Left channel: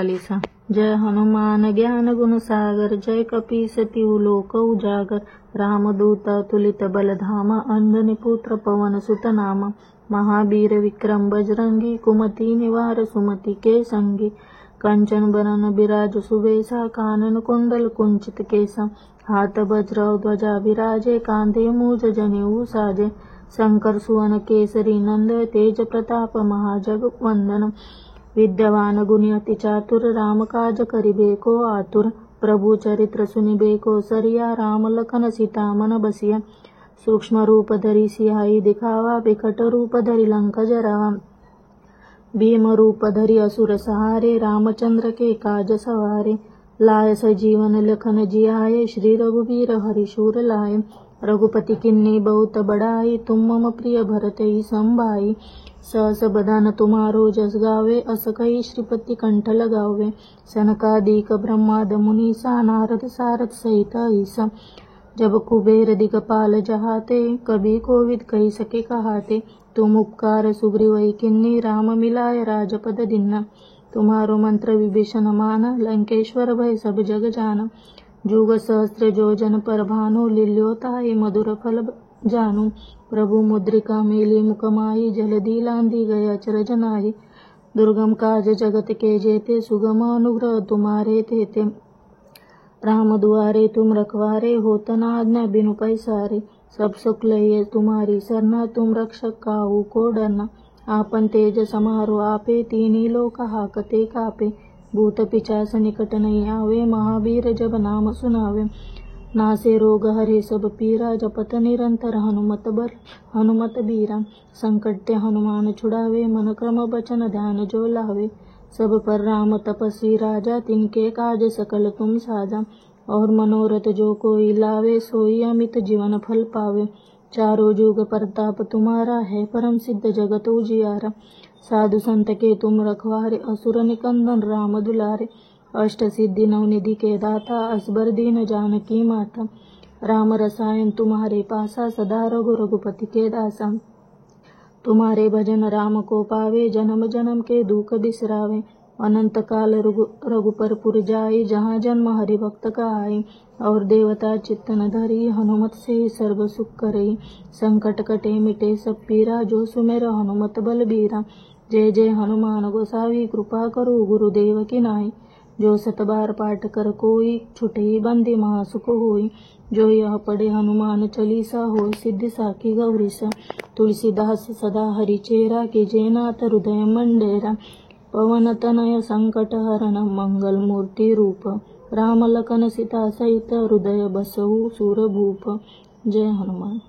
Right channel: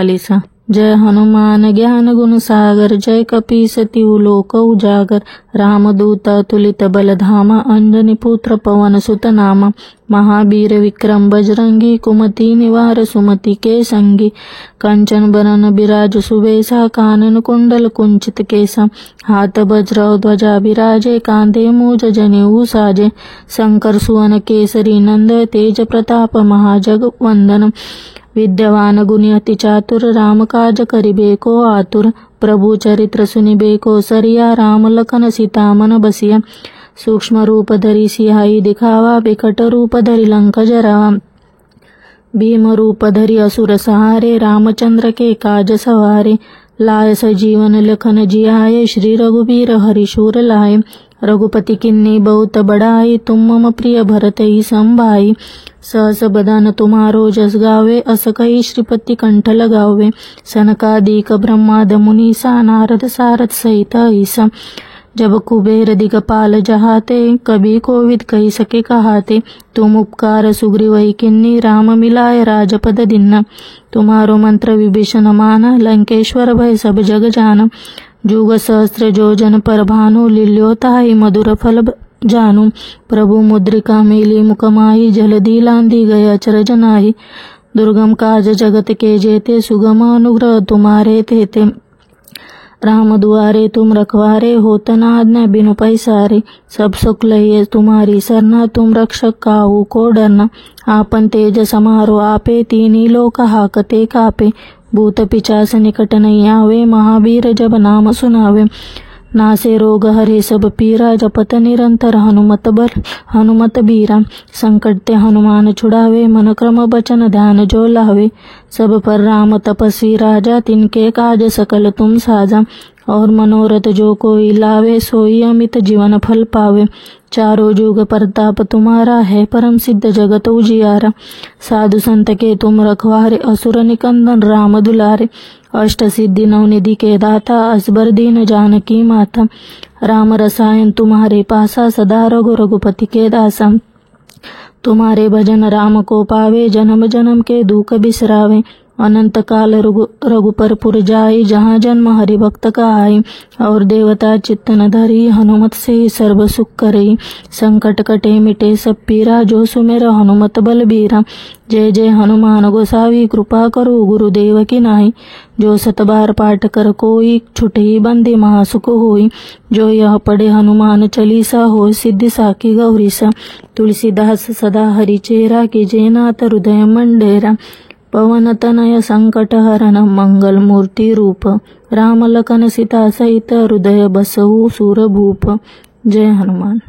चालीसा। जय हनुमान ज्ञान गुण सागर, जय कपीस तिहु लोक उजागर। रामदूत अतुलित बल धामा, अंजनी पुत्र पवन सुत नामा। महावीर विक्रम बजरंगी, कुमति निवार सुमति के संगी। कंचन बरन बिराज सुबेसा, कानन कुंडल कुंचित केसा। हाथ वज्र ध्वजा बिराजे, कांधे मूज जनेऊ साजे। शंकर सुवन केसरी नंद, तेज प्रताप महाजग वंदन। विद्यवान गुणी अति चातुर, राम काज करिबे को आतुर। प्रभु चरित्र सुनिबे को सरिया, राम लखन सीता मन बसिया। सूक्ष्म रूप धरि सियाहि दिखावा, बिकट रूप धरि लंक जरावा। भीम रूप धरि असुर सहारे, रामचंद्र के काज सवारे। लाय सजीवन लखन जियाए, श्री रघुबीर हरिशूर लाए। रघुपति किन्नी बहुत बड़ाई, तुम मम प्रिय भरत ही संभाई। सहस बदन तुम्हारो जस गावे, अस कही श्रीपति कंठ लगावे। सनकादिक ब्रह्माद मुनीसा, नारद सारद सहित ईसा। जब कुबेर दिगपाल जहाते, कभी कोविद कही सके कहाते। तुम उपकार सुग्रीवहि किन्नी, राम मिलाय राजपद दीन्ना। तुम्हारो मंत्र विभीषण माना, लंकेश्वर भय सब जग जाना। जुग सहस्त्र जोजन पर भानु, लील्यो ताहि मधुर फल जानू। प्रभु मुद्रिका मेली मुख माही, जलधि लांघि गए अचरज नाही। दुर्गम काज जगत के जेते, सुगम अनुग्रह तुम्हारे तेते। राम दुआरे तुम रखवारे, होत न आज्ञा बिनु पैसारे। सब सुख लहिए तुम्हारी सरना, तुम रक्षक काहू को डरना। आपन तेज समारो आपे, तीनही लोक हाकते कापे। भूत पिचास निकट नहीं आवे, महावीर जब नाम सुनावे। नासे रोग हरे सब पीरा, जपत निरंतर हनुमत बीरा। संकट ते हनुमान छुड़ावे, मन क्रम बचन ध्यान जो लावे। सब पर राम तपस्वी राजा, तिनके काज सकल तुम साजा। और मनोरथ जो कोई लावे, सोई अमित जीवन फल पावे। चारों जुग परताप तुम्हारा है, परम सिद्ध जगत उजियारा। साधु संत के तुम रखवारे, असुर निकंदन राम दुलारे। अष्ट सिद्धि नवनिधि के दाता, असबर दीन जानकी माता। राम रसायन तुम्हारे पासा, सदा रघुपति के दासा। तुम्हारे भजन राम को पावे, जन्म जन्म के दुख बिसरावे। अनंत काल रघुपर पुर जाई, जहाँ जन्म हरि भक्त का आई। और देवता चित्त न धरी, हनुमत से सर्व सुख करई। संकट कटे मिटे सब पीरा, जो सुमेर हनुमत बलबीरा। जय जय हनुमान गोसावी, कृपा करो गुरुदेव की नाई। जो सत बार पाठ कर कोई, छुटहि बंदी महासुख होई। जो यह पढ़े हनुमान चालीसा, होय सिद्धि साखी गौरीसा। तुलसीदास सदा हरि चेरा, कीजे नाथ हृदय मंडेरा। पवन तनय संकट हरन, मंगल मूर्ति रूप। राम लखन सीता सहित, हृदय बसहु सुरभूप। जय हनुमान।